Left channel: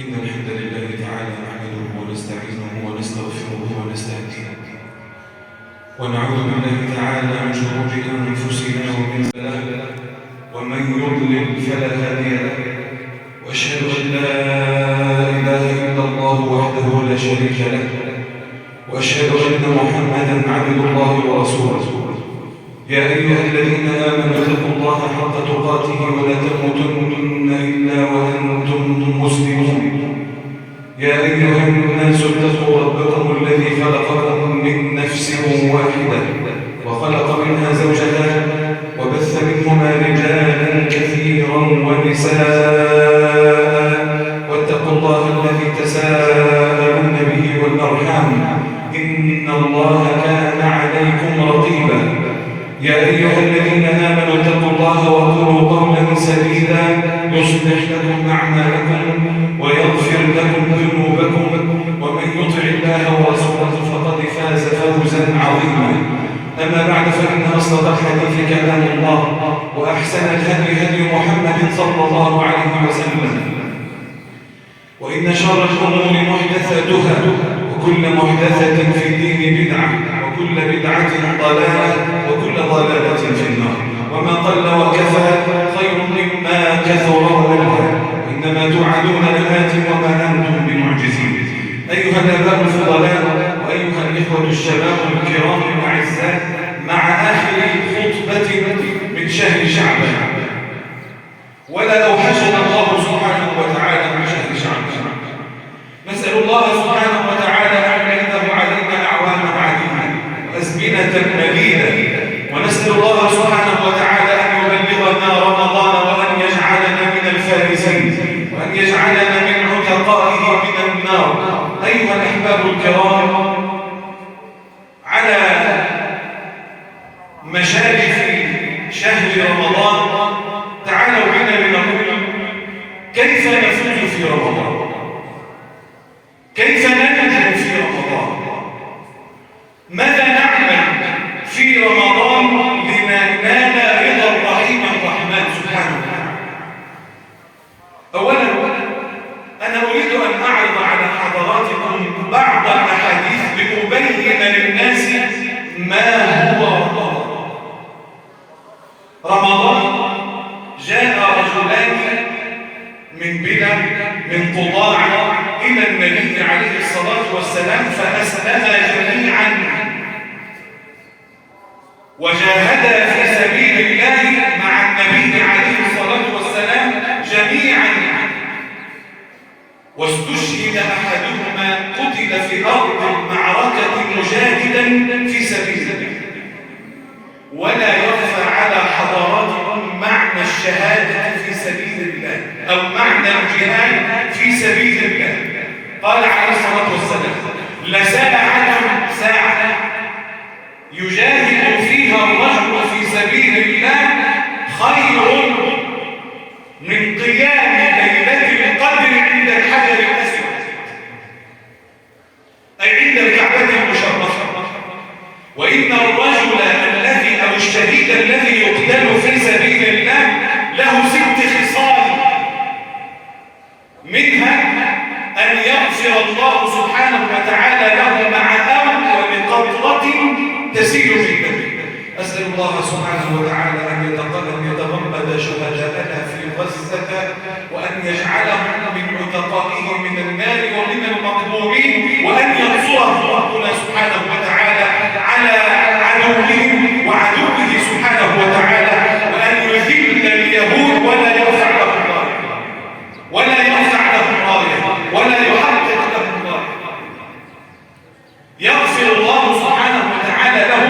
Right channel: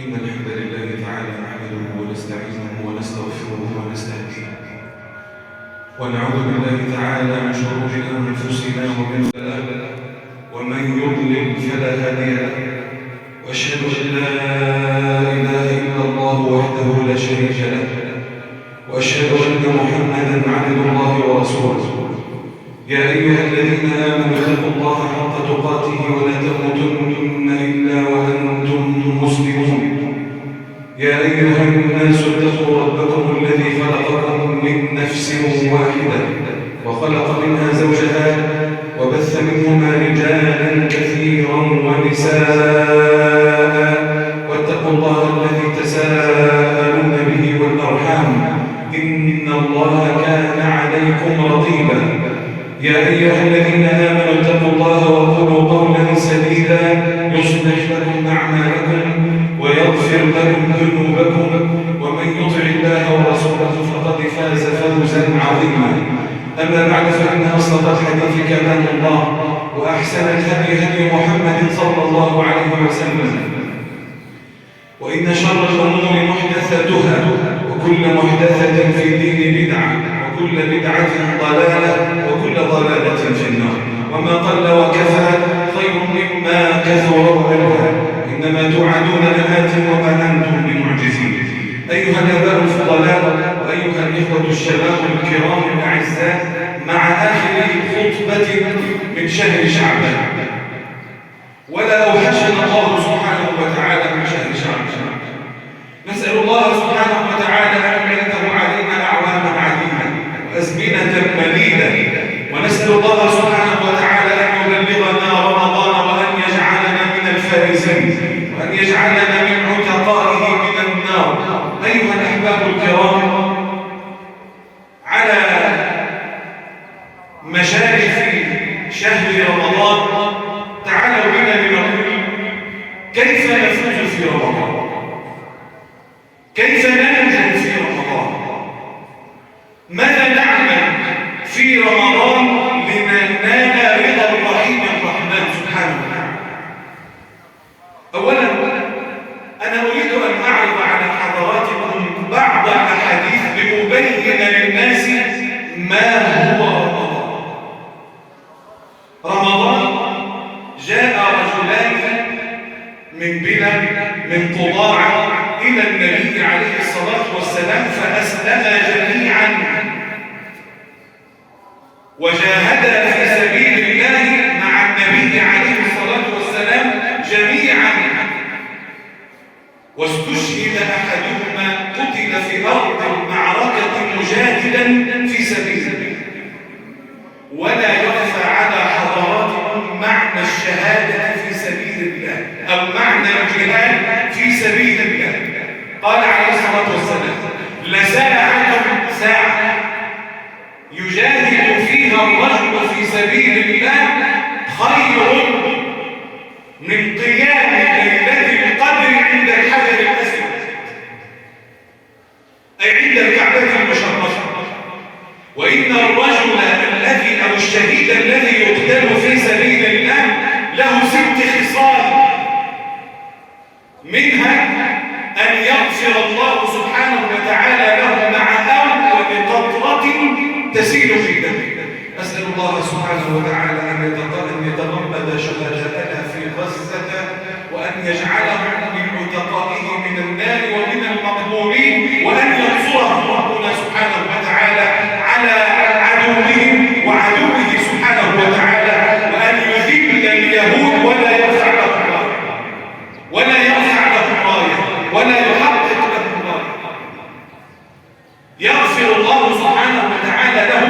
إن الحمد لله تعالى نحمده ونستعينه ونستغفره ونستهديه ونعوذ بالله تعالى من شرور أنفسنا ومن ضلالنا ومن يضلل فلا هادي له وأشهد أن لا إله إلا الله وحده لا شريك له وأشهد أن محمدا عبد الله ورسوله يا أيها الذين آمنوا اتقوا الله حق تقاته ولا تموتن إلا وأنتم مسلمون يا أيها الناس اتقوا ربكم الذي خلقكم من نفس واحدة وخلق منها زوجها وبث منهما رجالا كثيرا ونساء واتقوا الله الذي تساءلون به والأرحام إن الله كان عليكم رقيبا يا أيها الذين آمنوا اتقوا الله وقولوا قولا سديدا يصلح لكم أعمالكم ويغفر لكم ذنوبكم ومن يطع الله ورسوله فقد فاز فوزا عظيما أما بعد فإن أصدق الحديث كلام الله وأحسن الهدي هدي محمد صلى الله عليه وسلم وإن شر الأمور محدثاتها وكل محدثة في الدين بدعة وكل بدعة ضلالة وكل ضلالة في النار وما قل وكفى خير مما كثر وألهى إنما توعدون لآت وما أنتم بمعجزين أيها الآباء الفضلاء وأيها الإخوة الشباب الكرام الأعزاء مع آخر خطبة من شهر شعبان ولا أوحشنا الله سبحانه وتعالى من شهر شعبان نسأل الله سبحانه وتعالى أن يمنه علينا أعواما عديدة وأزمنة مديدة ونسأل الله سبحانه وتعالى أن يبلغنا رمضان وأن يجعلنا من الفائزين وأن يجعلنا من عتقائه من النار أيها الأحباب الكرام على مشارف شهر رمضان تعالوا بنا لنقول كيف نفوز في رمضان كيف ننجو في رمضان ماذا نعمل في رمضان لننال رضا الرحيم الرحمن سبحانه وتعالى أولا أنا أريد أن أعرض على حضراتكم بعض الأحاديث لأبين للناس ما هو رمضان جاء رجلان من بلد من طباع إلى النبي عليه الصلاة والسلام فأسلما جميعا وجاهدا في سبيل الله مع النبي عليه الصلاة والسلام جميعا واستشهد أحدهما قتل في أرض المعركة مجاهدا في سبيل الله ولا يخفى على حضراتكم معنى الشهادة في سبيل الله أو معنى الجهاد في سبيل الله قال عليه الصلاة والسلام ساعة يجاهد فيها الرجل في سبيل الله خير من قيام ليلة القدر عند الحجر الأسود أي عند الكعبة المشرفة وإن الرجل الذي أو الشهيد الذي يقتل في سبيل الله له 6 خصال منها أن يغفر الله سبحانه وتعالى له مع أول قطرة تسيل في الدم أسأل الله سبحانه وتعالى أن يتغمد شهداءنا في غزة وأن يجعلهم من عتقائه من النار ومن المقبولين وأن ينصرهم ربنا سبحانه وتعالى على عدوهم وعدوه سبحانه وتعالى وأن يذل اليهود ولا يرفع لهم راية ولا يرفع لهم راية ولا يحقق لهم راية يغفر الله سبحانه وتعالى له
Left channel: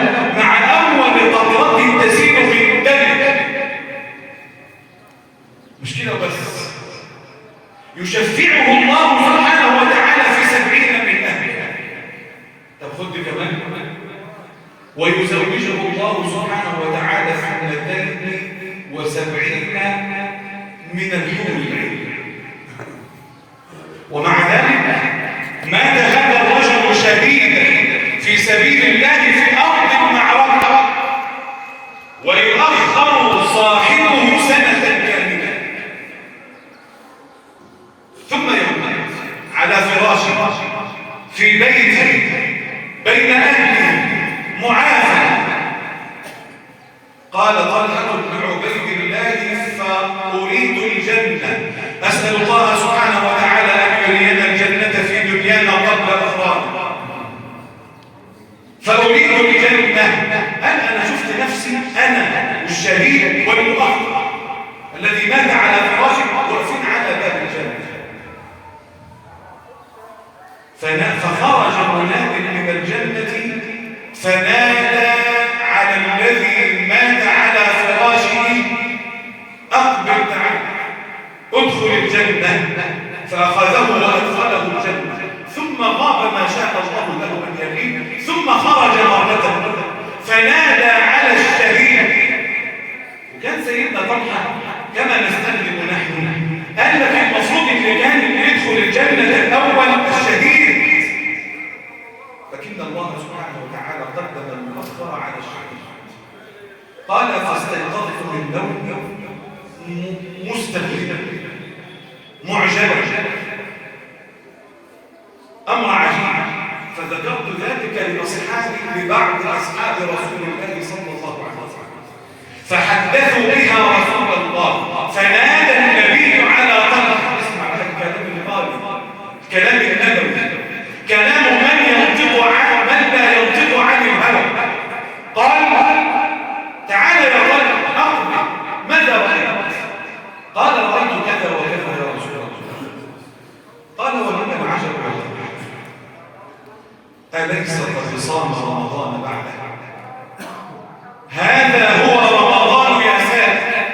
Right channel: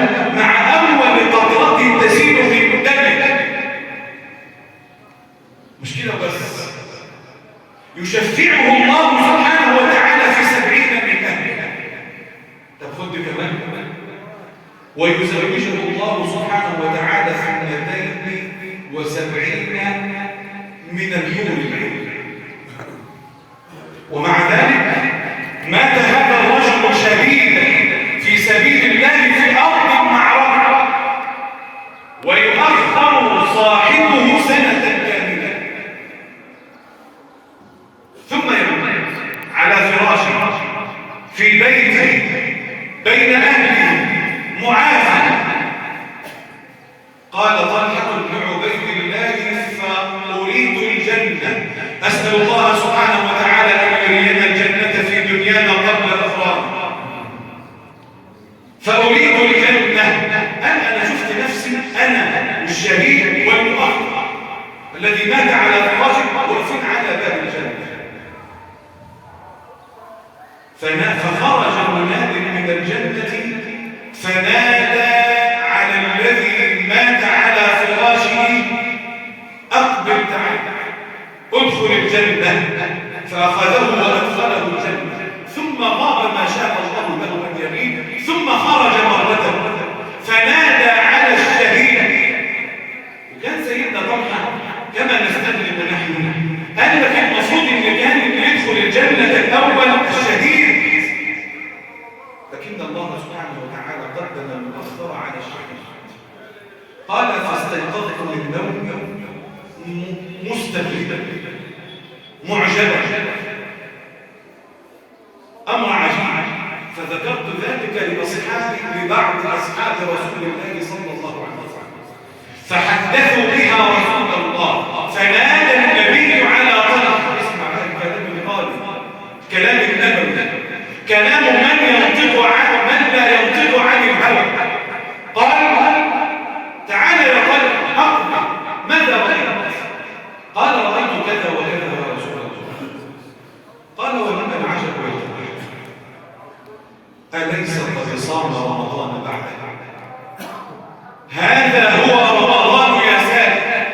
مع أول قطرة تسيل في دمه مشكلة بس يشفعه الله سبحانه وتعالى في 70 من أهلها طب خد كمان ويزوجه الله سبحانه وتعالى 72 من الحور العين ومع ذلك مات هذا الرجل شهيدا في سبيل الله في أرض المعركة ويؤخر صاحبه سنة كاملة ثم يموت في بيته بين أهله معافى. قال طلحة بن عبيد الله فأريد الجنة، أسأل الله سبحانه وتعالى أن يرينا الجنة في دنيانا قبل أخرانا. فأريد الجنة، أنا شفت نفسي أنا الشهيد والمؤخر الذي مات على فراشه واقفين على باب الجنة. فخرج مناد من الجنة فنادى على الذي مات على فراشه أقبل تعال ادخل الجنة، فأخذه وأدخله الجنة، ثم غاب ما شاء الله له أن يغيب، ثم خرج مرة فنادى على الشهيد. وكان سيدنا طلحة كما نستخدم نحن قال لك المفروض اللي كان يدخل الجنة الأول الشهيد، لكن الله سبحانه وتعالى قدم المؤخر على الشهيد. قال فاستيقظت من نومي مستغربا معجبا، أمر عجيب. فذكرت ذلك لبعض أصحاب رسول الله صلى الله عليه وسلم فحدثوا بها رسول الله، فنادى النبي على طلحة. اسمع الكلام الغالي، كلام النبوي، كلام من ينطق عن من لا ينطق عن الهوى. قال تعالى يا طلحة أقبل، ماذا رأيت؟ قال رأيت كذا وكذا يا رسول الله. قال ومن العجب يا أليس قد صام رمضان بعده؟ هذا هو رمضان يا سادة،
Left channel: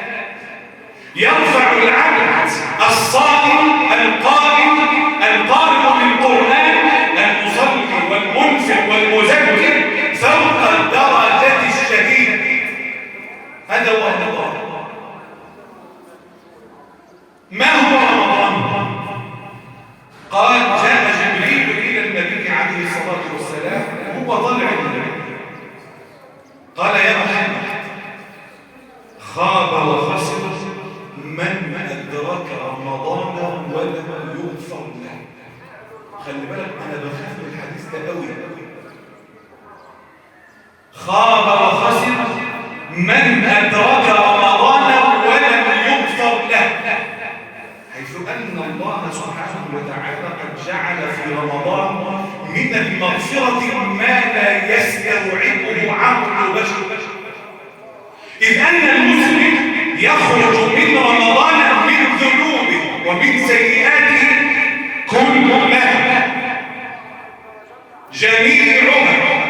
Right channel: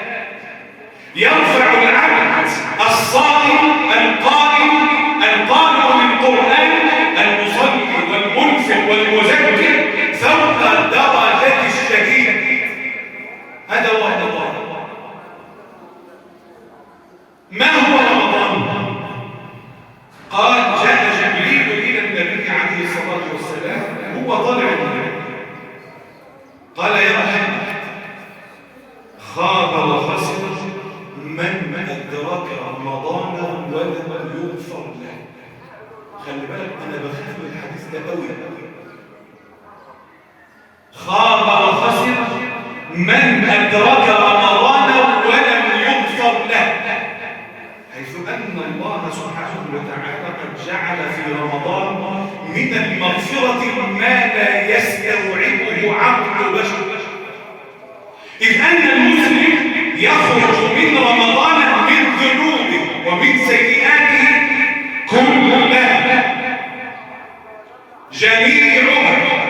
يرفع العبد الصائم القائم للقرآن المصلي والمنفق والمزكي فوق درجة الشهيد. هذا هو رمضان. ما هو رمضان؟ قال جاء جبريل إلى النبي عليه الصلاة والسلام هو طالع النبي، قال يا محمد خاب وخسر من أدرك رمضان ولم يغفر له. خلي بالك أنا بخاف من الحديث ده قوي. خاب وخسر من أدرك رمضان ولم يغفر له، حيث أن الله سبحانه وتعالى قد جعل في رمضان من المغفرة ما لا يستوعبه عقل بشر، إذ أن المسلم يخرج من رمضان من ذنوبه ومن سيئاته كلها جميعها.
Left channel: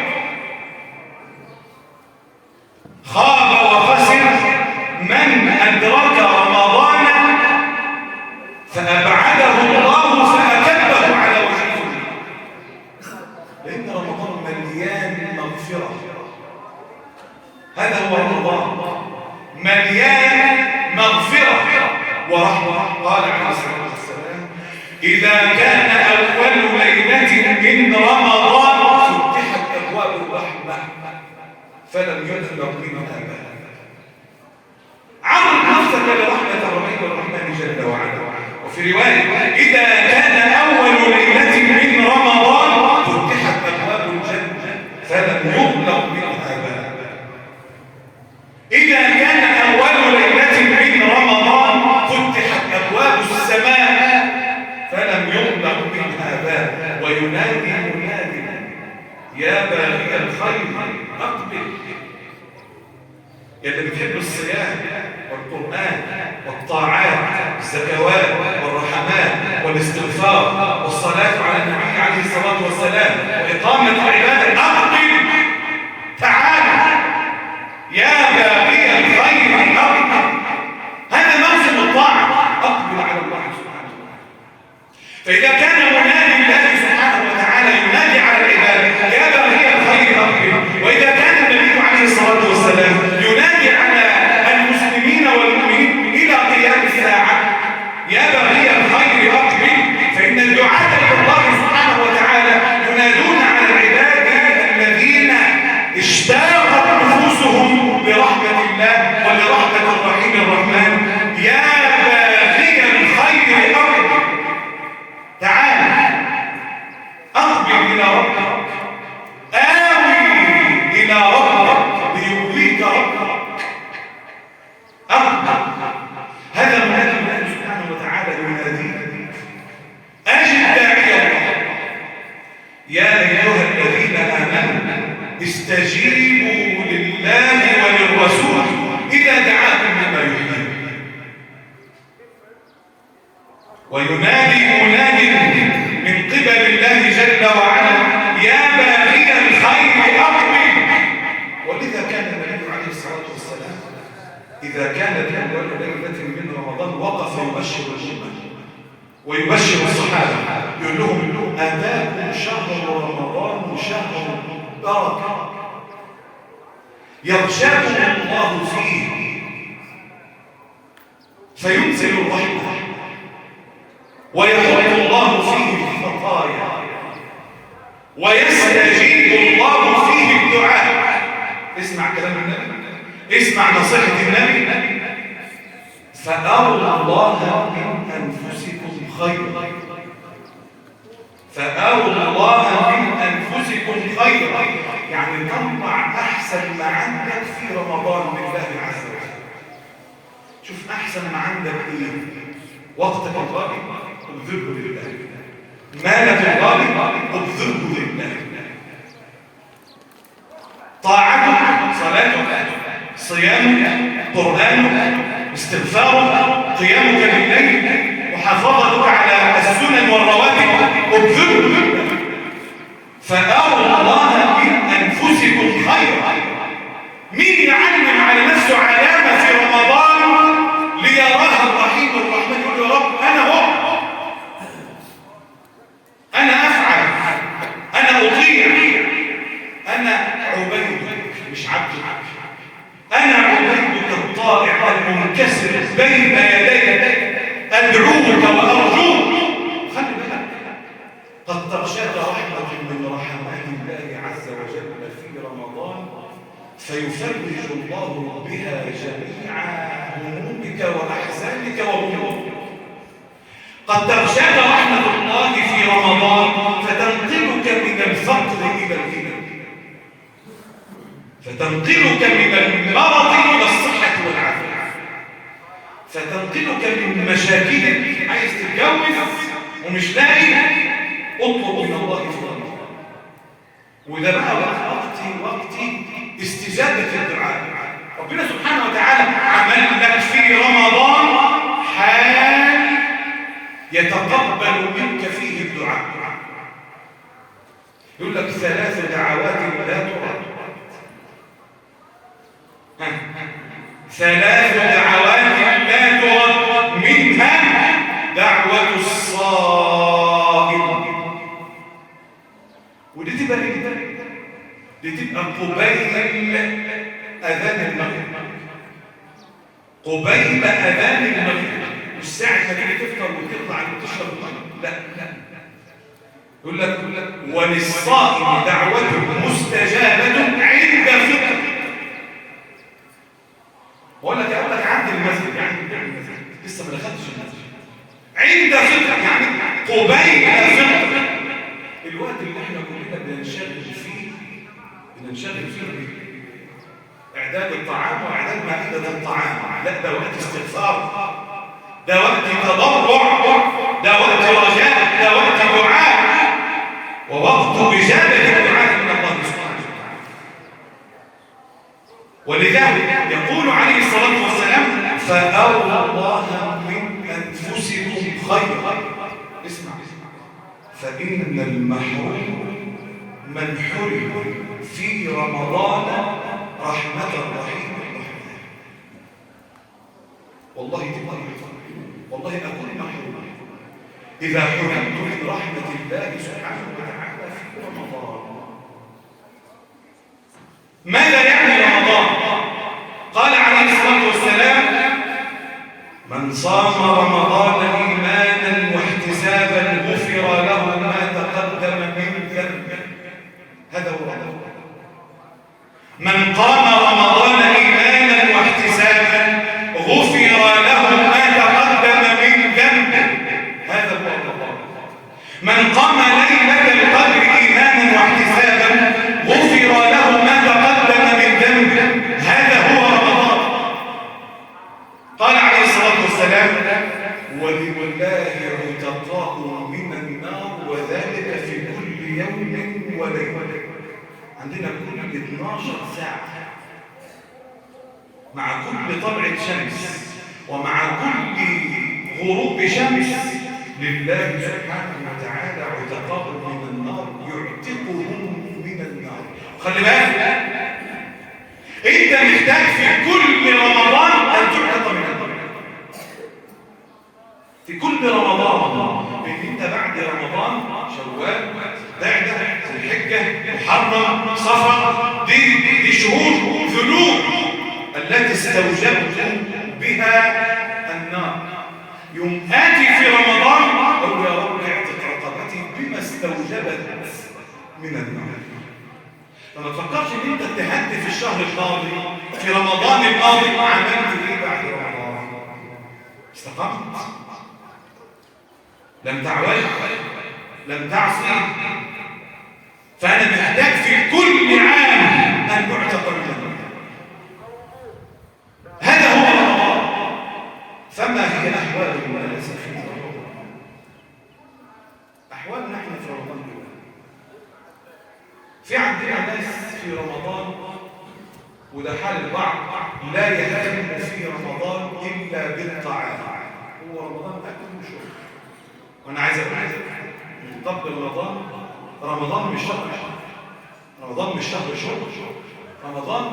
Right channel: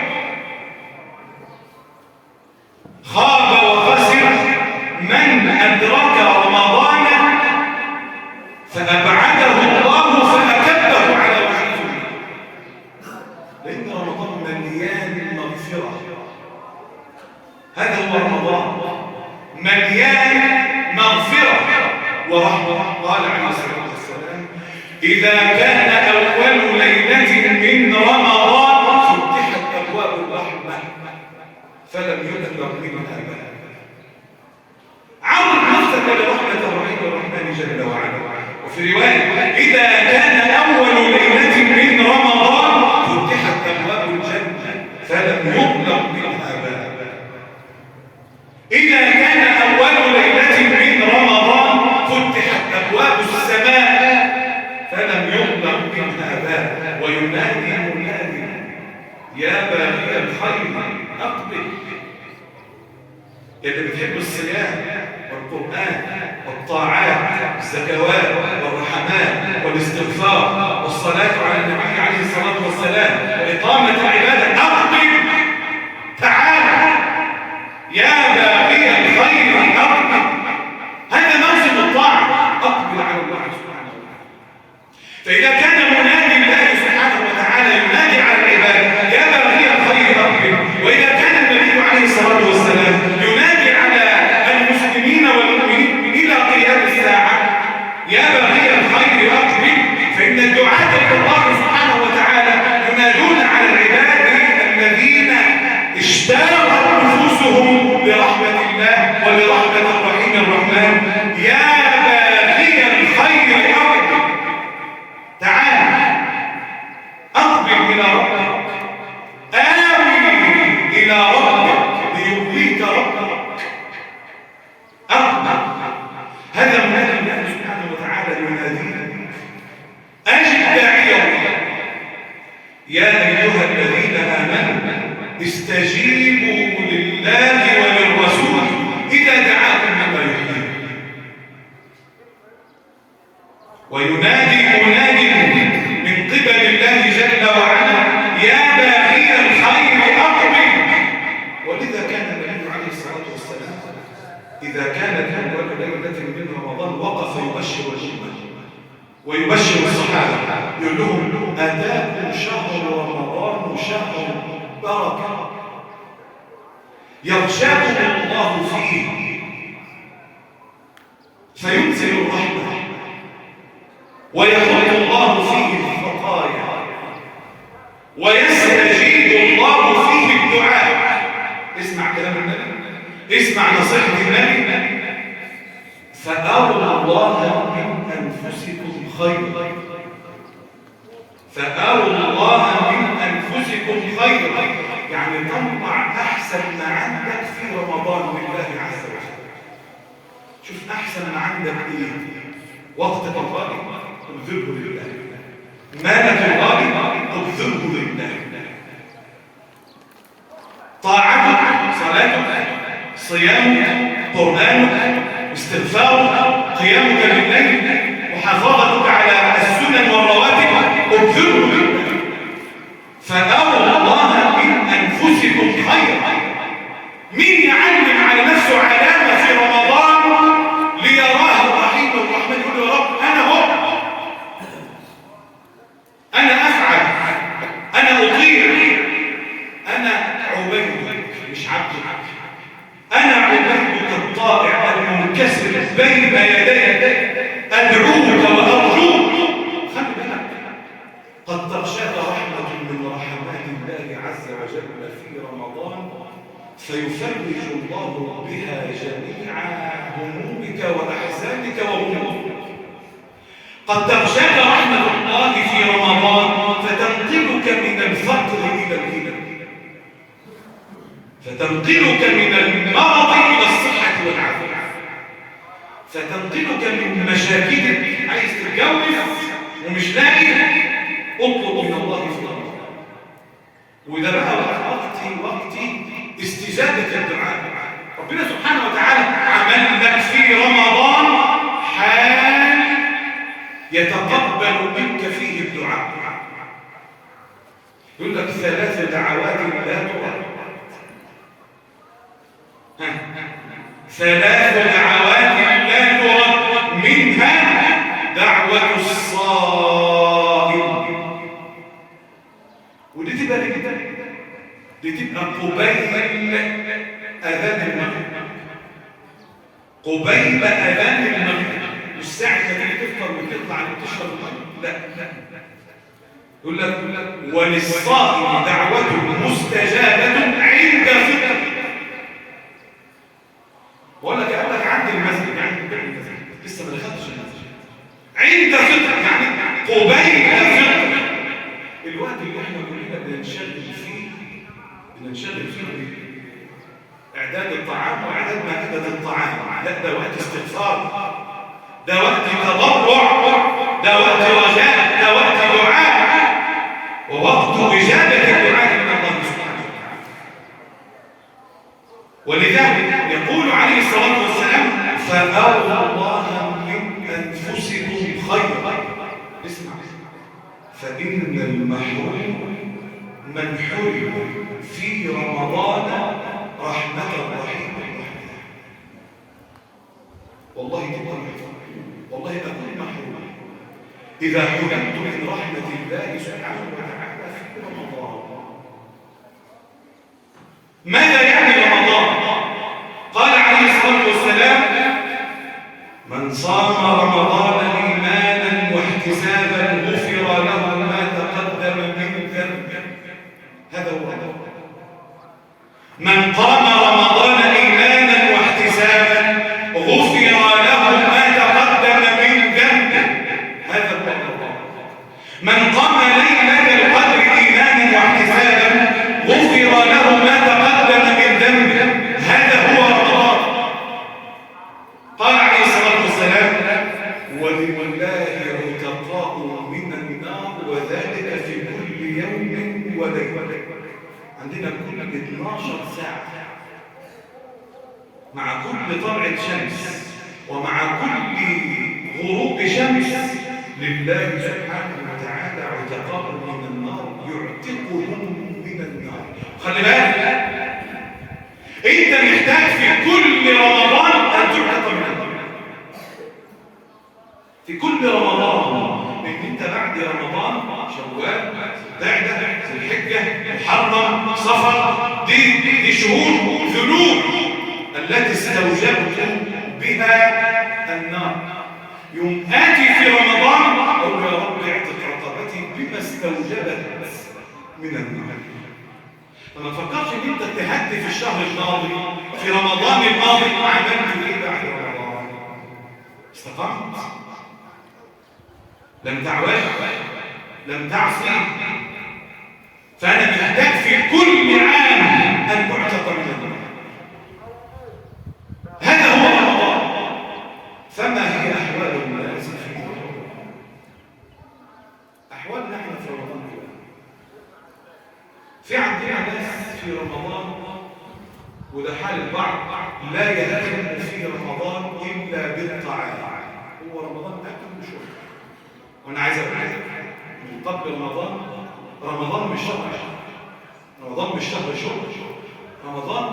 خاب وخسر من أدرك رمضان فأبعده الله فأكبه على وجهه، لأن رمضان مليان مغفرة. هذا هو رمضان، مليان مغفرة ورحمة. قال عليه الصلاة والسلام إذا كان أول ليلة من رمضان فتحت أبواب الرحمة فلم يغلق منها باب. عرض نفسك لرحمة الرحيم والرحمن جل وعلا. وفي رواية إذا كان أول ليلة من رمضان فتحت أبواب الجنة فلم يغلق منها باب. إذا كان أول ليلة من رمضان فتحت أبواب السماء فلم يغلق منها باب. وينادي منادي يا باغي الخير أقبل. يا اللي بتحب الصيام والقرآن والطاعات الزكوات والرحمات والاستغفار والصلاة على النبي عليه الصلاة والسلام وإقامة العبادة، أقبل تعالى يا باغي الخير أقبل. هذا موسم الطاعة، أقبل على الله سبحانه وتعالى. فإذا كان منادي الله سبحانه وتعالى ينادي على العباد يا باغي الخير أقبل، وإذا كان النبي عليه الصلاة والسلام ينادي على المسلمين والمؤمنين إلى قيام الساعة يا باغي الخير أقبل، فإن الدعاة إلى الله سبحانه وتعالى ينادون على العباد الذين اشتاقت نفوسهم لرحمة الله ولرحمة الرحيم الرحمن يا باغي الخير أقبل، تعال أقبل إلى استجيبوا لله وللرسول إذا دعاكم لما يحييكم. وينادي مناد من قبل الله جل وعلا يا باغي الخير أقبل. ولذا كان النبي عليه الصلاة والسلام إذا كانت أول ليلة من رمضان وقف يبشر الأمة ويبشر الصحابة، يقول لهم أتاكم شهر رمضان شهر بركة يغشاكم الله فيه فينزل الرحمة ويحط الله فيه الخطايا ويستجيب الله فيه الدعاء. اسمع كلام النبي، اسمع نصيحة النبي. فأروا الله من أنفسكم خيرا، فأروا الله من أنفسكم خيرا، يعني طلع أحسن ما عندك في رمضان لله عز وجل. شوف أحسن ما عندك إيه؟ وقتك الغالي ابذله لله، مالك الغالي ابذله لله، طاعتك صلاتك صيامك قرآنك استغفارك قيامك بالليل محافظتك على السنن والرواتب ابذله لله. فأروا الله من أنفسكم خيرا. مين يعلم على نفسه علامة في رمضان ليراها الرحيم الرحمن يقول يا رب أنا هو، أنا أفعل، أنا أطيع، أنا عبيدك مش عبدك، أنا عبيدك الطائع المنكسر بين يديك أدعوك وأرجوك. خلي بالك قد تغشاك رحمة من رحمات الله عز وجل في رمضان فيفرج الله بها جميع همومك وأحزانك وغمومك. قد تغشاك رحمة الله في رمضان فتنقلك من الفقر إلى الغنى، فتنقلك من المرض إلى الصحة والعافية، فتنقلك من مشاكلك. عايز تتجوز ومش لاقي، اطلب من الله في رمضان. وده بقى وقتي استجابة الدعاء. ربنا سبحانه وتعالى عمل لك في رمضان حال يتقبل منك فيه الدعاء. يقول لك 3 دعوات لا ترد. 3 دعوات لا ترد، منها دعوة الصائم. ودي تبقى دي تبقى قبيل أذان المغرب، قبيل أذان المغرب، مش ساعة ما تيجي تفطر وتطلع وتشرب المغرب، لا. يقول لك وللصائم دعوة مستجابة عند فطر. بقول لك عند المسجد، عند المسجد لسه ما دخلتش المسجد، عند فطر يعني قبيل فطر. الوقت اللي احنا كلنا بننشغل فيه اعداد الطعام واعداد مائدة الطعام، لا ده وقت استغفار، ده وقت تضرع، ده وقت رجاء، ده وقت دعاء، ووقت إجابة الدعاء من الله سبحانه وتعالى. ولذلك يقول عليه الصلاة والسلام فأروا الله من أنفسكم خيرا. اسمع، فإن المحروم من حرم في رمضان رحمة الرحيم الرحمن. والله تبقى والله أكون محروم إذا حرمت من رحمة الله سبحانه وتعالى في رمضان. ماذا يعني رمضان؟ قال عليه الصلاة والسلام من صام رمضان إيمانا واحتسابا غفر له ما تقدم من ذنبه. هذا هو رمضان. من قام رمضان إيمانا واحتسابا غفر له ما تقدم من ذنبه. هذا هو رمضان. من قام ليلة القدر إيمانا واحتسابا غفر له ما تقدم من ذنبه. هذا هو رمضان. قال عليه الصلاة والسلام ولله عتقاء من النار وذلك في كل يوم وليلة. عندنا كل 12 ساعة مع كل طلعة شمس ومع كل غروب شمس لله سبحانه وتعالى عتقاء من النار يعتقهم من النار. خلي بالك انت محتاج في كل رمضان ان تعتق من النار. في كل رمضان، لان انت بعد رمضان شوال، قعده، ذي الحجه، محرم، صفر، دي شهور ذنوب التي استوجبت بها النار. يوم آتي في رمضان أقول يا رب اعتق رقبتي بما استوجبت من النار. فما تفكرش ان انت تهدي في الشهر الماضي، في رمضان الماضي عملت ايه بعد رمضان؟ استقمت؟ لم تعوج؟ لم تعصي؟ فأنا محتاج في كل عام أن تعتق من النار. هذا هو رمضان. فما هي أحوال الناس في رمضان؟ أحوالنا نحن في رمضان كده. في عندنا ناس في رمضان، وده حال البعض، لا يهتم في رمضان إلا بالطعام. هو رمضان أكل وشرب. وأنا عايز أقول من طب رمضان مش شهر، رمضان مش شهر شرب، رمضان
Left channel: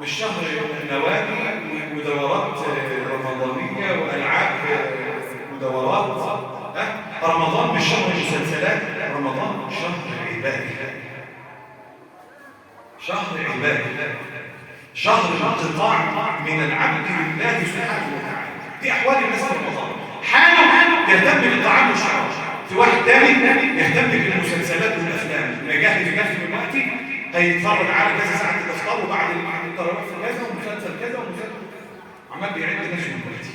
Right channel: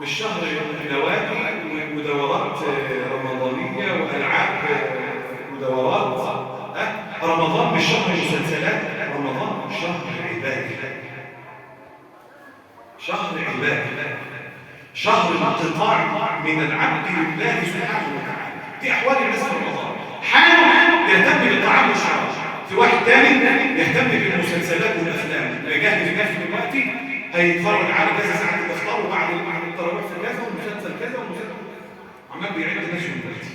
مش شهر نوادي ودورات رمضانية وألعاب ودورات. رمضان مش شهر مسلسلات، رمضان شهر عبادة، شهر عبادة، شهر انقطاع من العبد لله سبحانه وتعالى. دي أحوال الناس في رمضان. حاله يهتم بالطعام والشراب، في واحد تاني يهتم بالمسلسلات والأفلام، يجهز نفسه دلوقتي هيتفرج على كذا ساعة الإفطار وبعد التراويح كذا ومسلسل كذا ومسلسل، عمال بيعد نفسه دلوقتي.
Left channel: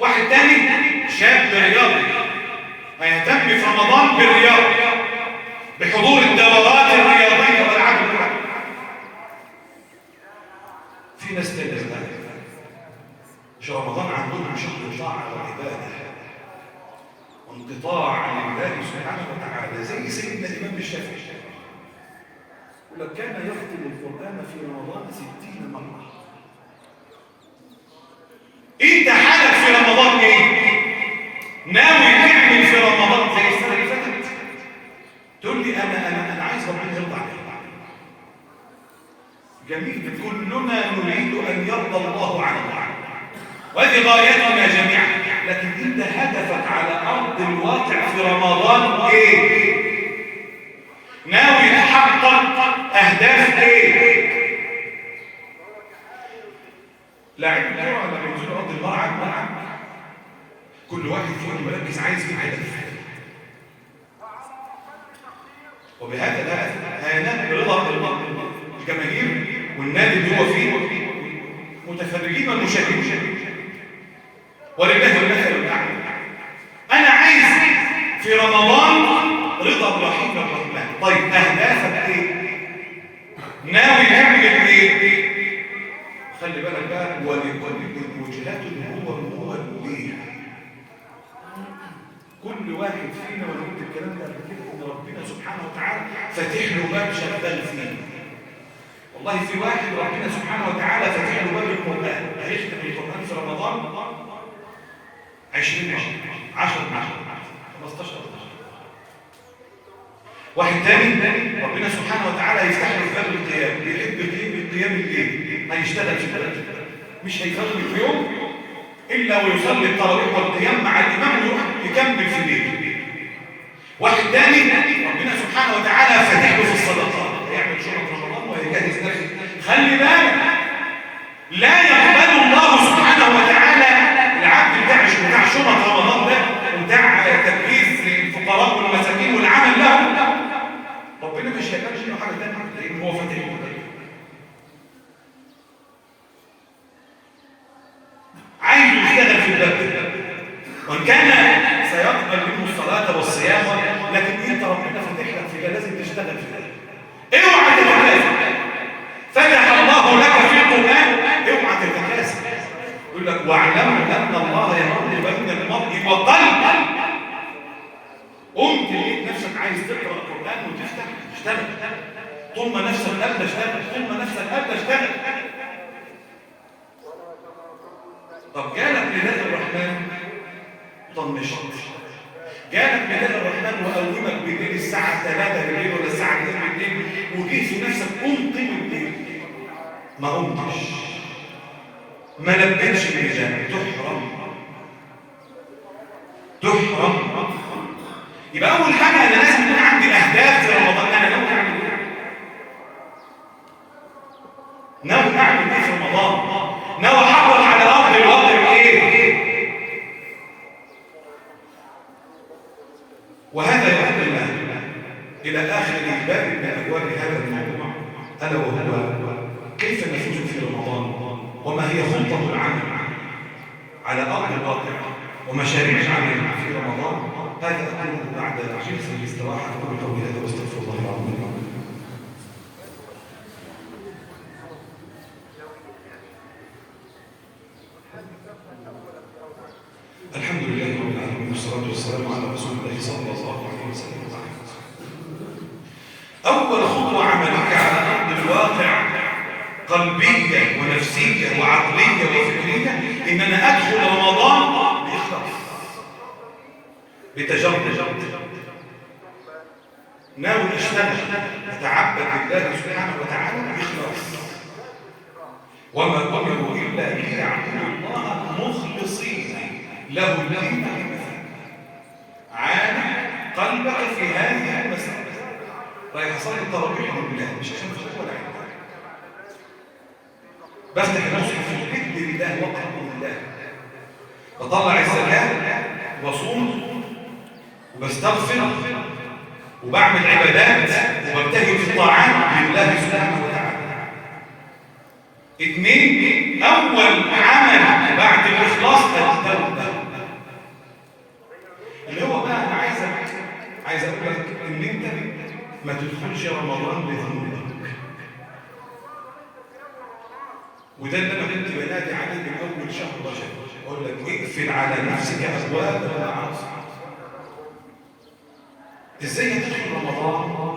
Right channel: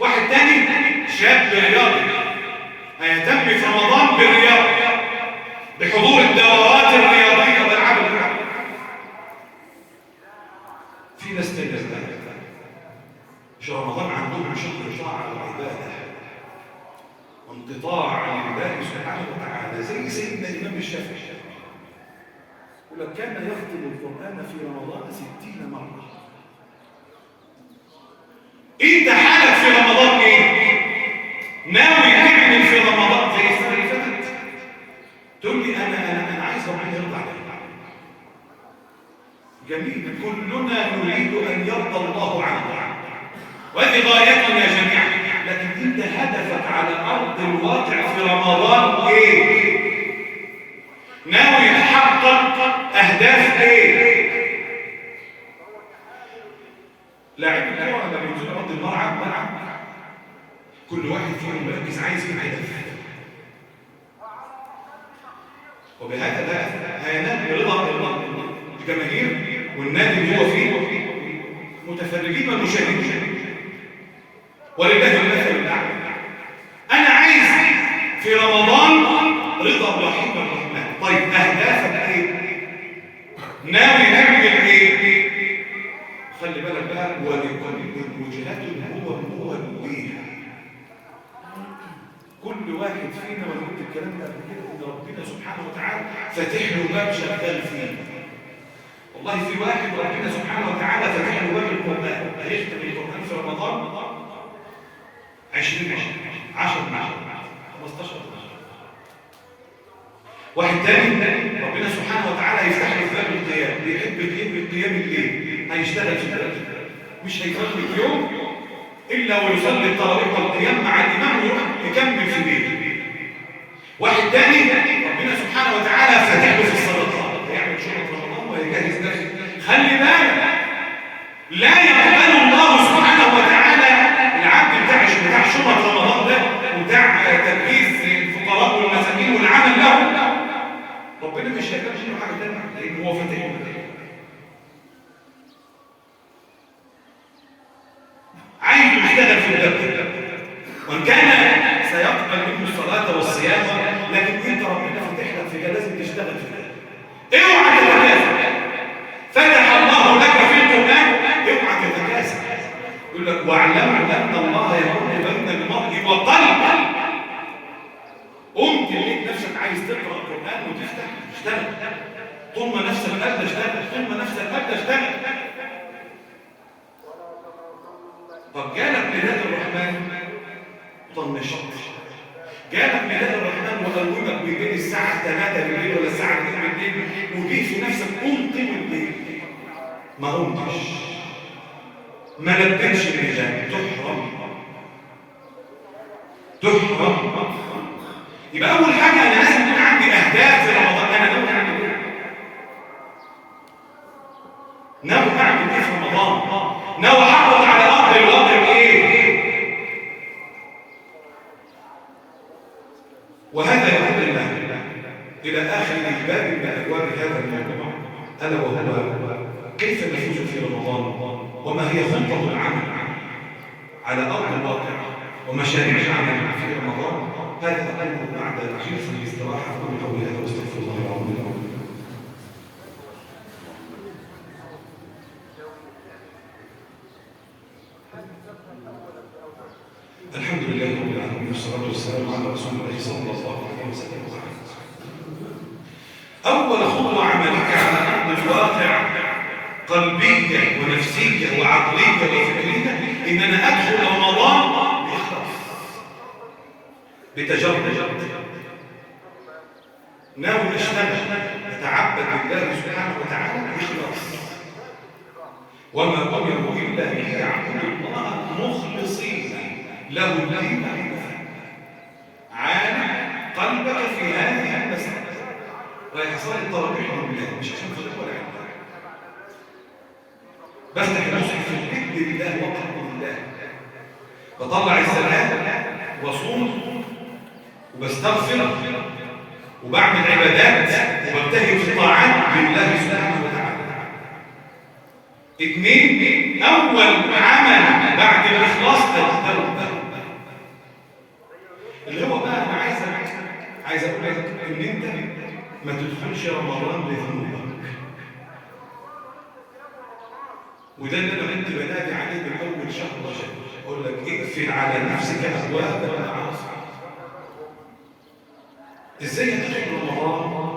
واحد تاني شاب رياضي هيهتم في رمضان بالرياضة، بحضور الدورات الرياضية والألعاب الرياضية. في ناس تانية في رمضان عندهم شهر طاعة وعبادة وانقطاع لله سبحانه وتعالى، زي سيدنا الإمام الشافعي ولو كان يختم القرآن في رمضان 60 مرة. انت حالك في رمضان ايه؟ ناوي تعمل في رمضان زي السنة اللي فاتت؟ تقول لي انا عايز ربنا يرضى عليك. جميل، كلنا نريد ان يرضى الله عنا، وهذه غايتنا جميعا، لكن انت هدفك على ارض الواقع في رمضان ايه؟ ناوي تحقق اهداف ايه؟ لاعب الكوره لما بينزلوا ارض الملعب كل واحد فيهم مركز عايز هدف، وبهذا لا هينال رضا الجماهير والنادي اللي هو فيه متفرجين ومشاهدين، ولله المثل الاعلى. انا عايز في رمضان رضا الرحيم الرحمن. طيب اهدافك ايه؟ ناوي تعمل ايه؟ خلي بالك بقى، ولكل وجهات هو ليها. كل واحد فينا، وانا قلت الكلام ده قبل كده، ان ربنا سبحانه وتعالى فاتح له باب شغال فيه. والله في واحد ربنا سبحانه وتعالى فاتح له باب القرآن، هيختم القرآن في رمضان 20 10 15. واحد تاني ربنا سبحانه وتعالى يفتح له باب القيام، بيحب القيام الليل، هيشتغل في البلد، مش هيفرق اليوم الا ويصلي التراويح والقيام مع الامام ويروح يكمل في بيته. واحد تاني ربنا سبحانه وتعالى فاتح له في الصدقات، هيعمل شهر رمضان ويجهز نفسه. خلي بالك، لا يقبل الله سبحانه وتعالى العبد بتاع شهر رمضان ده وبتاع تجهيز الفقراء والمساكين والعمل لهم، ربنا مش هيقبل منه حاجه ثانيه، لان هو فاتح له. عايز يشتغل في الباب، وان كان سيقبل منه الصلاه والصيام، لكن انت ربنا فاتح لك في ده، لازم تشتغل في ده. اوعى تتكاسل. فتح الله لك في القران، اوعى تتكاسل. يقول لك واعلموا ان الله يحول بين المرء وقلبه. قمت لقيت نفسك عايز تقرا القران وتفتح، اشتغل. طول ما نفسك قادر اشتغل، طول ما نفسك قادر اشتغل. طب جالك نداء الرحمن طنشت، جالك نداء الرحمن وقومك بالليل الساعة 3 بالليل ولا الساعة 2 بالليل، وجيت في نفسك قمت بالليل ما قمتش، ما لبيتش النداء، تحرم. يبقى أول حاجة أنا لازم يكون عندي أهداف في رمضان. أنا ناوي أعمل إيه؟ ناوي أعمل إيه في رمضان؟ ناوي أحافظ على أرض الواقع إيه؟ وهذا يقودنا إلى آخر باب من أبواب هذا الموضوع، ألا وهو كيف نفوز في رمضان، وما هي خطة العمل على أرض الواقع ومشاريع العمل في رمضان. هذا أقوله بعد جلسة الاستراحة. أقول قولي هذا واستغفر الله العظيم. الحمد لله رب العالمين والصلاة والسلام على رسول الله صلى الله عليه وسلم. أول خطوة عملك على أرض الواقع قلبية ونفسية وعقلية وفكرية إن أنا أدخل رمضان بإخلاص، بتجرد، ناوي أشتغل أتعبد لله سبحانه وتعالى بإخلاص. وما أمروا إلا أن يعبدوا الله مخلصين له الدين حنيفا. عالم قلبك في هذه المسألة، رايح أصلي التراويح لله مش عشان فلوس ولا حاجة، بفتح المصحف في البيت لله وقت لله، بطلع الزكاة وصوم وبستغفر وبعمل عبادات وببتهج في الطاعات لله سبحانه وتعالى. 2، أول عمل بعد الإخلاص التوبة، اللي هو بقى أنا عايز أقول لك إن أنت ما تدخلش رمضان بذنوبك، وده اللي أنا كنت بنادي عليه من أول شهر رجب، أقول لك اقفل على نفسك أبواب المعاصي. إزاي تدخل رمضان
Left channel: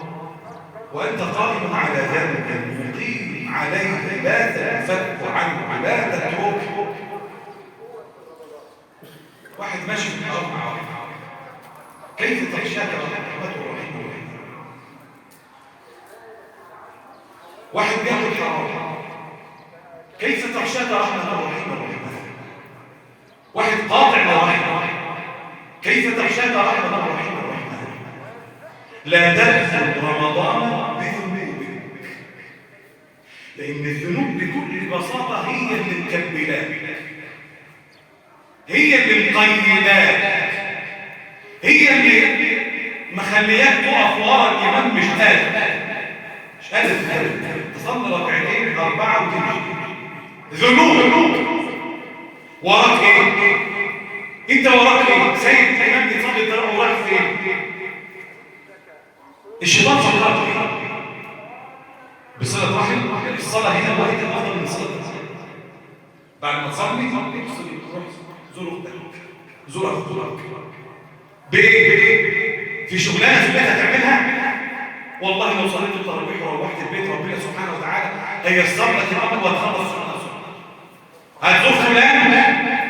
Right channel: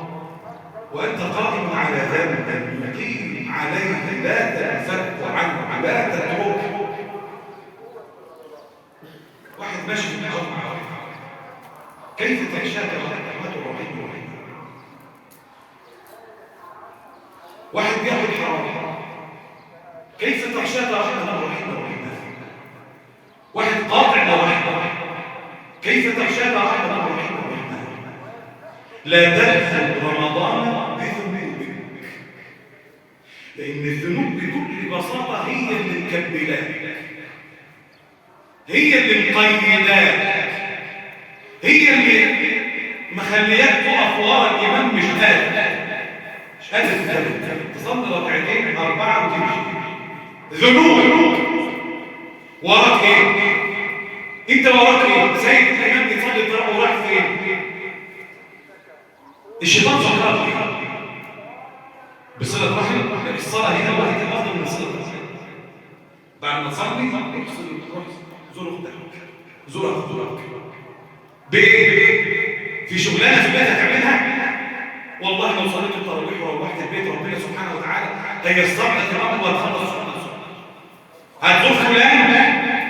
وأنت قائم على ذنب مقيم عليه لا تنفك عنه لا تتركه؟ واحد ماشي في الأرض، كيف تغشاك رحمة الرحيم؟ واحد بياكل حرام، كيف تغشاك رحمة الرحيم؟ واحد قاطع لوحده، كيف تغشاك رحمة الرحيم؟ لا تدخل رمضان بذنوبك، لأن الذنوب بكل بساطة هي اللي مكبلات، هي اللي مقيدات، هي اللي مخلياك تقف ورا الإمام مش قادر تصلي ركعتين 4 وتمشي. ذنوب وراك ايه؟ انت وراك ايه؟ سايب الإمام بيصلي التراويح وراح فين؟ الشيطان فكرك ايه؟ بصلة رحم. الصلاة هنا الوحيدة الأفضل من صلة الرحم. بعد ما تصلي تروح زور أختك، زور أخوك. بإيه؟ في شغلانة في بيتها تعملها، والله لو صليت التراويح وروحت البيت ربنا سبحانه وتعالى هيسر لك الأمر وتخلص سنة. هتزور فلان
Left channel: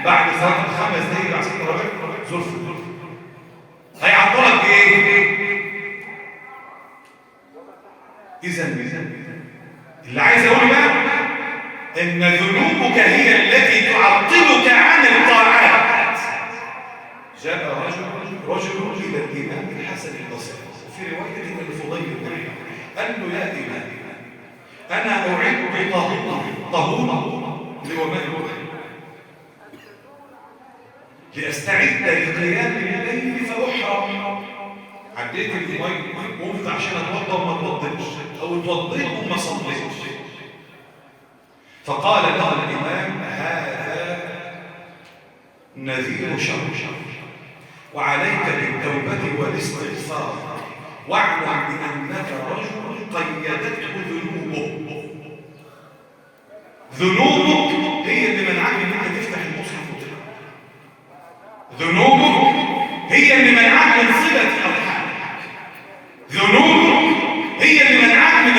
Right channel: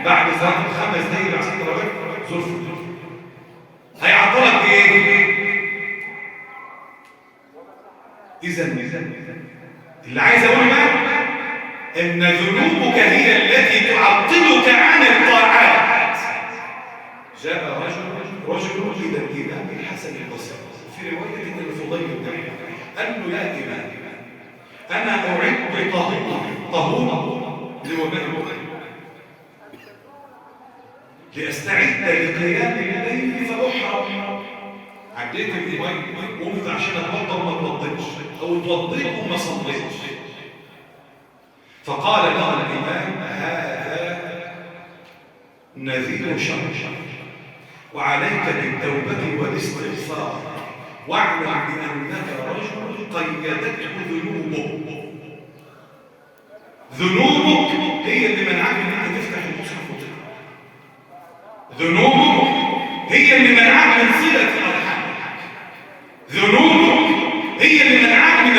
بعد صلاة 5 دقايق بعد صلاة التراويح، زور فلان هيعطلك بإيه؟ إذا اللي عايز أقول بقى إن ذنوبك هي التي تعطلك عن الطاعات. جاء رجل إلى الإمام الحسن البصري في رواية الفضيل بن عياض، قال له يا إمام أنا أعد طهورا لوماء الوحي لأستعد لقيام الليل فأحرم. عديت المي قمت عشان اتوضا وما اتوضيتش، او اتوضيت وما صليتش. فقال له الامام هذا نذير شر، وعليك بالتوبه والاستغفار، واعلم بانك رجل قيدته ذنوبك هي اللي منعك ان انت تفتح المصحف وتقرا. ذنوبك هي اللي منعك من صله الارحام. ذنوبك هي اللي منعك من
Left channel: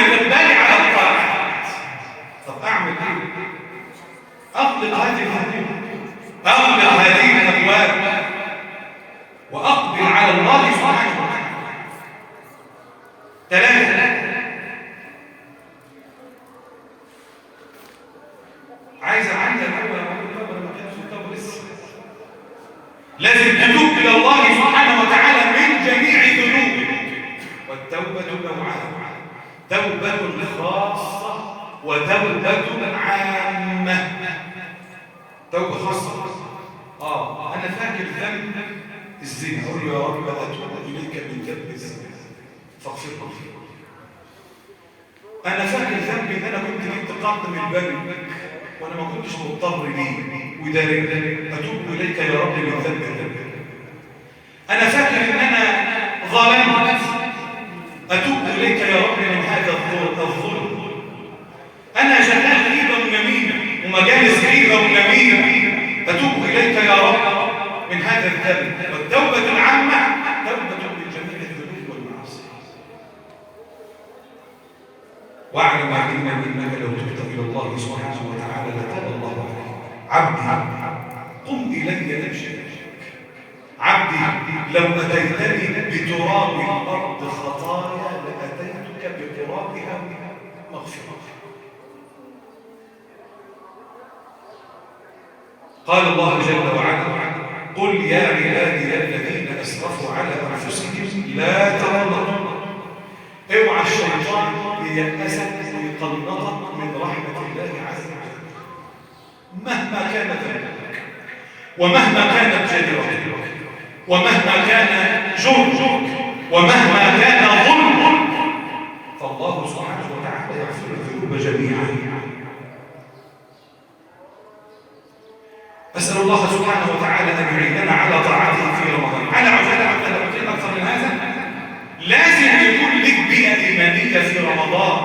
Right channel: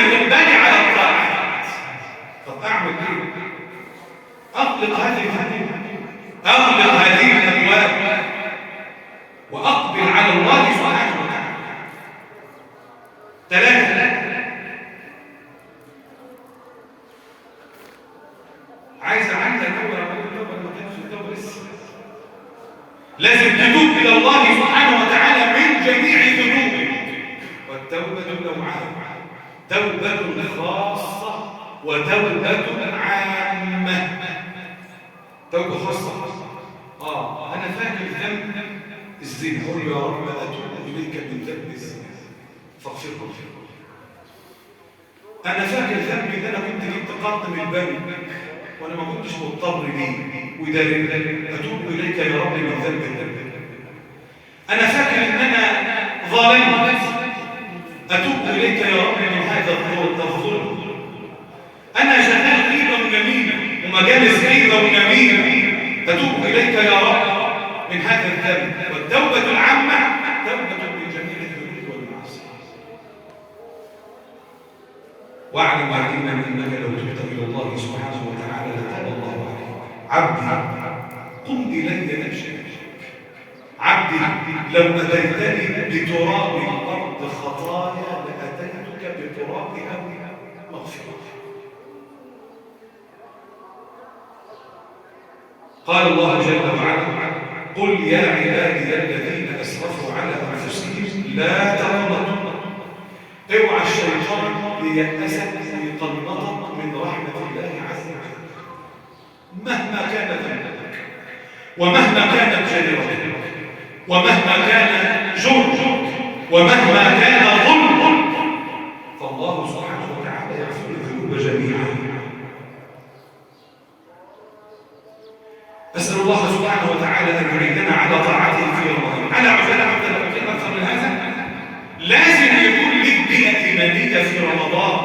لازم تتوب إلى الله سبحانه وتعالى من جميع ذنوبك. والتوبة نوعان: توبة خاصة وتوبة عامة. توبة خاصة، أنا فاكر ذنب الزنا، أقول له يا رب أتوب إليك من ذنب الزنا فاغفر لي. أنا فاكر ذنب إن أنا كنت جبت قرض من البنك وأنا ما كنتش مضطر ليه وده أتوب إليك يا رب من ذنب الذنب. أنا فاكر إن أنا ظلمت، أتوب إليك يا رب من هذا الظلم. أنا شغال غيبة ونميمة ومجالس غيبة ونميمة، أتوب إليك يا رب من هذا الذنب. والتوبة العامة توبة من جميع الذنوب والمعاصي. واعلم عظيما انك لو تبت الى الله سبحانه وتعالى لتاب الله عليك. عبدي قم الي نفسك. عبدي لو اتيتني بتراب الارض خطايا لاتيتك بترابها مغفره. قال الله جل وعلا: قل يا عبادي الذين اسرفوا على انفسهم لا تقنطوا. اوعى الشيطان ليأسك ويقنطك من رحمة الله عز وجل. مهما كان ذنبك ومهما كانت جريرتك ومهما كان جرمك ومهما كان ظلمك، فالله سبحانه وتعالى يغفر الذنوب جميعا. أسأل الله سبحانه وتعالى أن يعيننا على طاعته في رمضان. على عجالة أكثر من هذا، لازم يكون لك بيئة إيمانية في رمضان،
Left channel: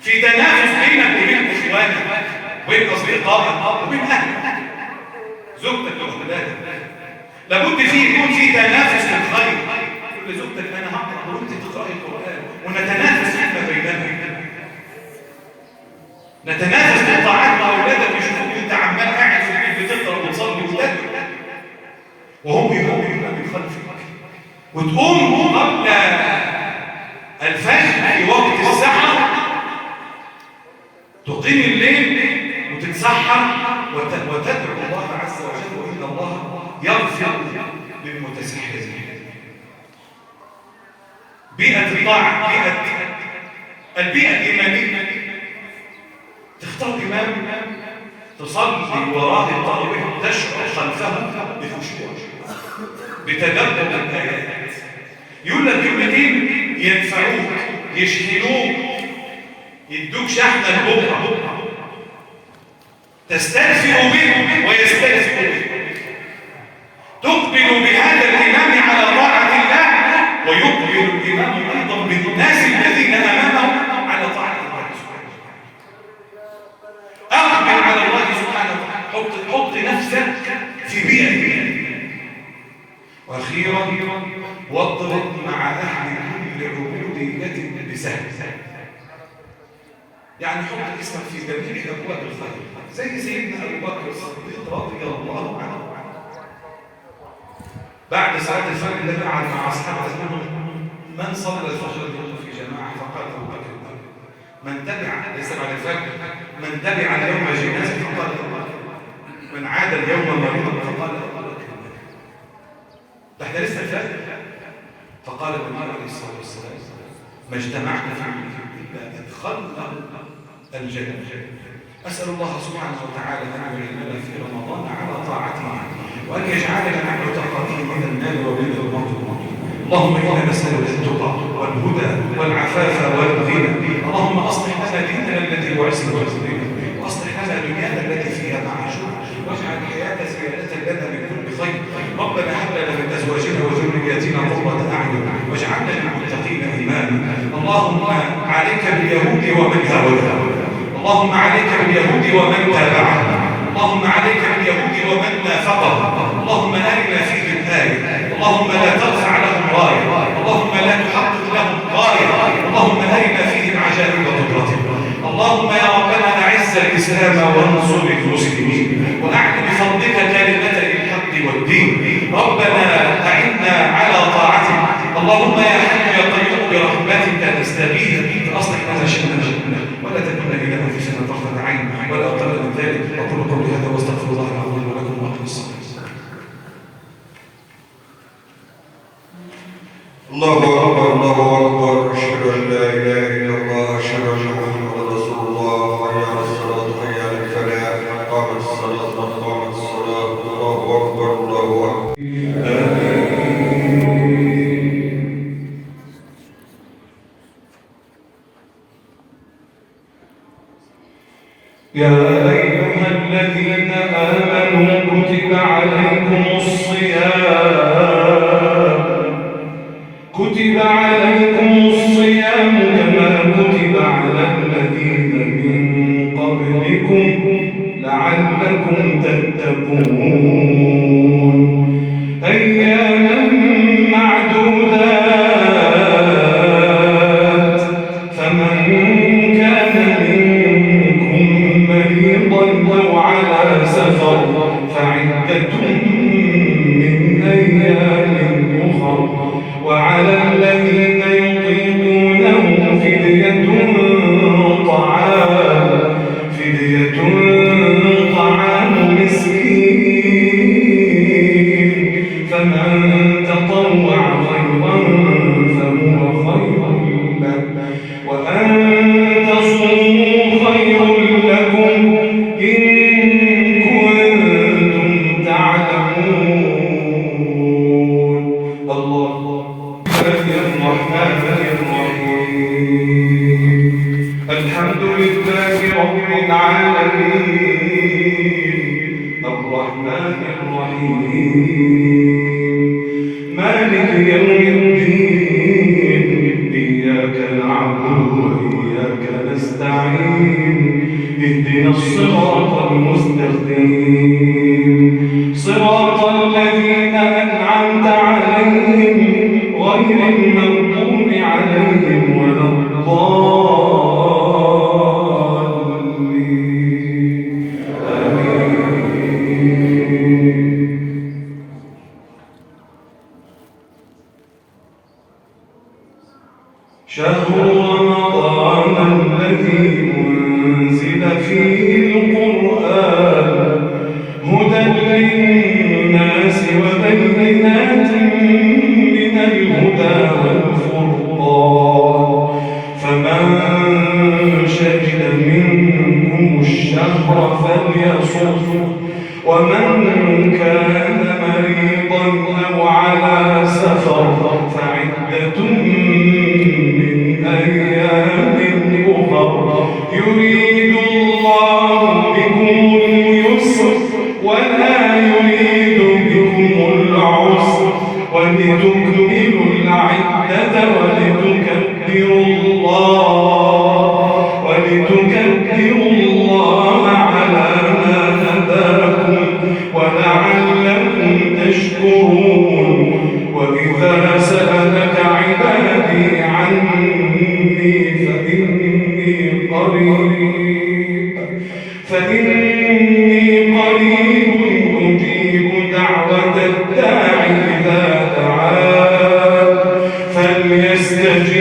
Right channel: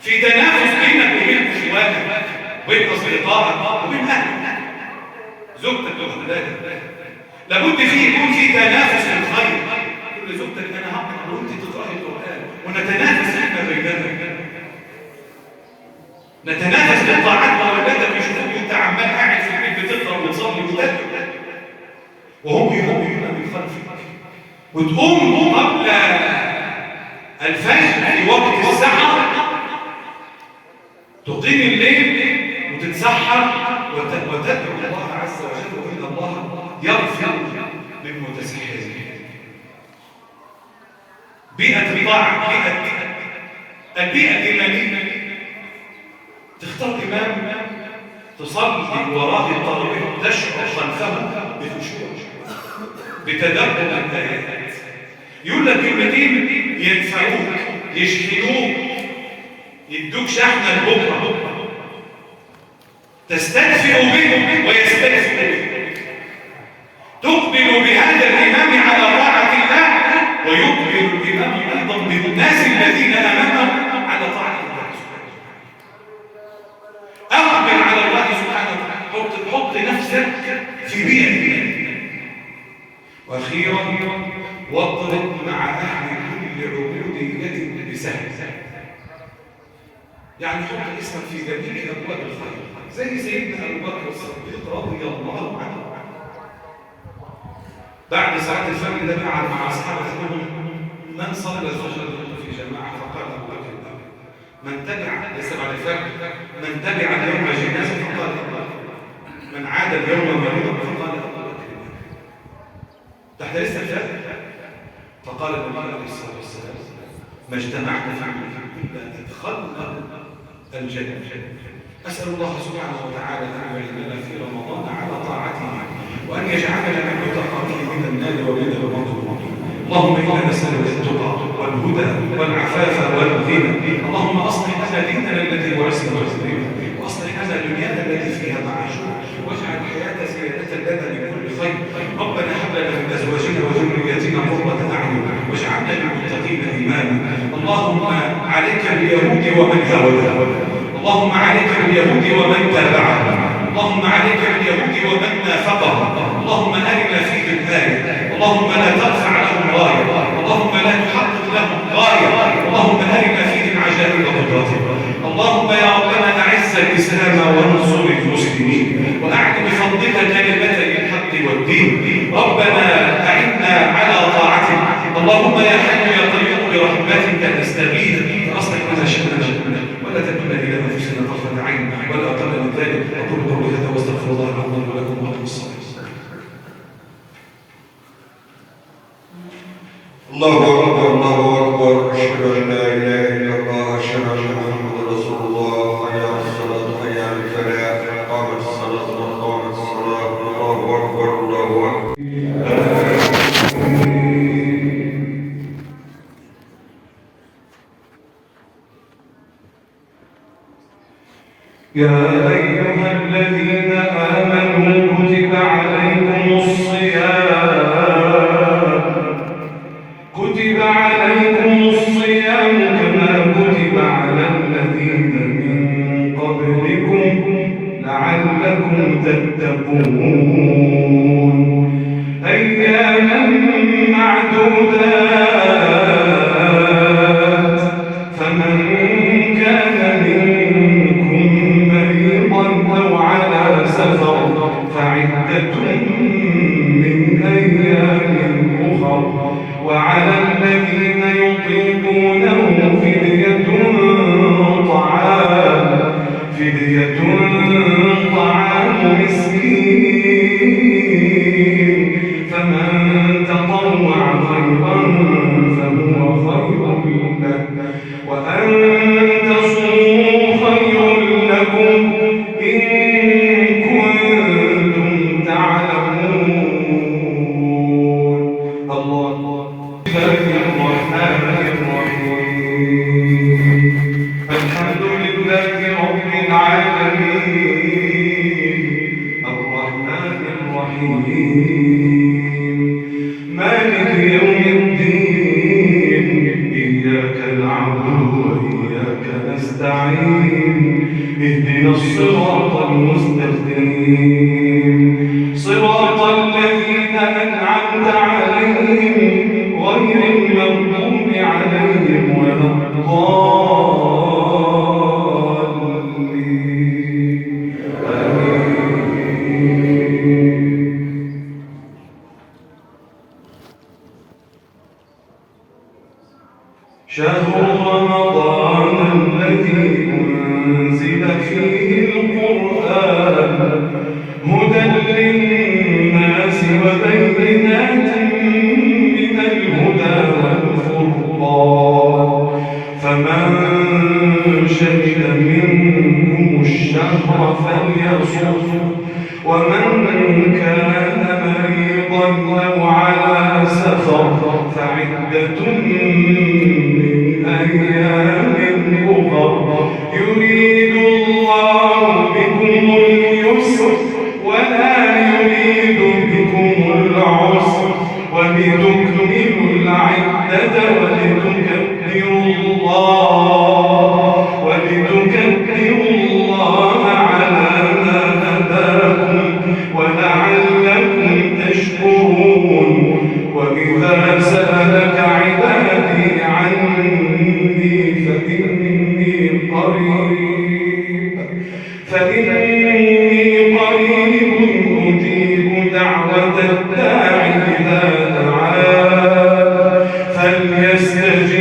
في تنافس بينك وبين إخوانك وبين أصدقائك وبين أهلك، زوجتك وأولادك. لابد يكون في تنافس في الخير. تقول لزوجتك أنا هقرأ وأنت تقرأي القرآن، ونتنافس فيما بيننا. نتنافس بالطاعات مع أولادك، يشوفوك أنت عمال قاعد في البيت بتقرأ وتصلي وتذكر، وهم يؤمنون من خلفك. وتقوم قبل الفجر في وقت السحر، تقيم الليل وتتسحر وتدعو الله عز وجل، وإن الله يغفر للمتسحرين. بيئة الطاعة، البيئة الإيمانية. تختار إمام تصلي وراه الطريق، تشعر خلفه بخشوع، بتدبر الآيات، يقول لك كلمتين ينفعوك، يشحنوك، يدوك شحنة لبكرة، تستدفئ به ويستدفئ بك. تقبل بهذا الإمام على طاعة الله، ويقبل الإمام أيضا بالناس الذين أمامه على طاعة الله سبحانه وتعالى. أقبل على الله سبحانه وتعالى، حط نفسك في بيئة. وأخيرا واضرب مع أهل كل عبودية بسهل. يعني حط اسمك في جميع أبواب الخير، زي سيدنا أبو بكر الصديق رضي الله عنه. بعد صلاة الفجر الذي قعد مع أصحابه من صلى الفجر في جماعة؟ فقال أبو بكر: من تبع ليس بعد الفجر، من تبع اليوم جنازة فقال أبو بكر، من عاد اليوم مريضا فقال أبو بكر. تحت لسه الفجر. فقال النبي عليه الصلاة والسلام: ما اجتمعنا في عمل إلا أدخلنا الجنة. أسأل الله سبحانه وتعالى أن يعيننا في رمضان على طاعته، وأن يجعلنا من متقين من النار ومن المرض. اللهم إنا نسألك التقى والهدى والعفاف والغنى. اللهم أصلح لنا ديننا الذي هو عصمة مسلمين، وأصلح لنا دنيانا التي فيها معاشنا، واجعل الحياة زيادة لنا من كل خير. ربنا هب لنا من أزواجنا وذرياتنا قرة أعين واجعلنا للمتقين إماما. اللهم عليك باليهود ومن هواهم، اللهم عليك باليهود ومن تابعهم، اللهم عليك باليهود ومن نافقهم. اللهم أرنا فيه الآية، اللهم لا ترفع لهم راية، اللهم لا تحقق لهم غاية، اللهم أرنا فيه عجائب قدرتك. اللهم يا ربنا أعز الإسلام وانصر المسلمين، وأعل بفضلك كلمتي الحق والدين. ربنا أعنا على طاعتك. اللهم يا حي يا قيوم برحمتك نستغيث، فأصلح لنا شأننا ولا تكلنا إلى أنفسنا طرفة عين ولا أقل من ذلك. أقول قولي هذا واستغفر الله العظيم لكم وأقم الصلاة. يا أيها الذين آمنوا كتب عليكم الصيام كما كتب على الذين من قبلكم لعلكم تتقون أياما معدودات فمن كان منكم مريضا أو على سفر فعدة من أيام أخر وعلى الذين يطيقونه فدية طعام مسكين فمن تطوع خيرا فهو خير له وأن تصوموا خير لكم إن كنتم تعلمون. الله الرحمن الرحيم الحمد لله رب العالمين الرحمن الرحيم مالك يوم الدين إياك نعبد وإياك نستعين اهدنا الصراط المستقيم صراط الذين أنعمت عليهم غير المغضوب عليهم ولا الضالين آمين. شهر رمضان الذي أنزل فيه القرآن هدى للناس وبينات من الهدى والفرقان فمن شهد منكم الشهر فليصم ومن كان مريضا أو على سفر فعدة من أيام أخر يريد الله بكم اليسر ولا يريد بكم العسر ولتكملوا العدة ولتكبروا الله على ما هداكم ولعلكم تشكرون وإذا سألك عبادي عني فإني قريب أجيب دعوة الداعي إذا دعان فليستجيبوا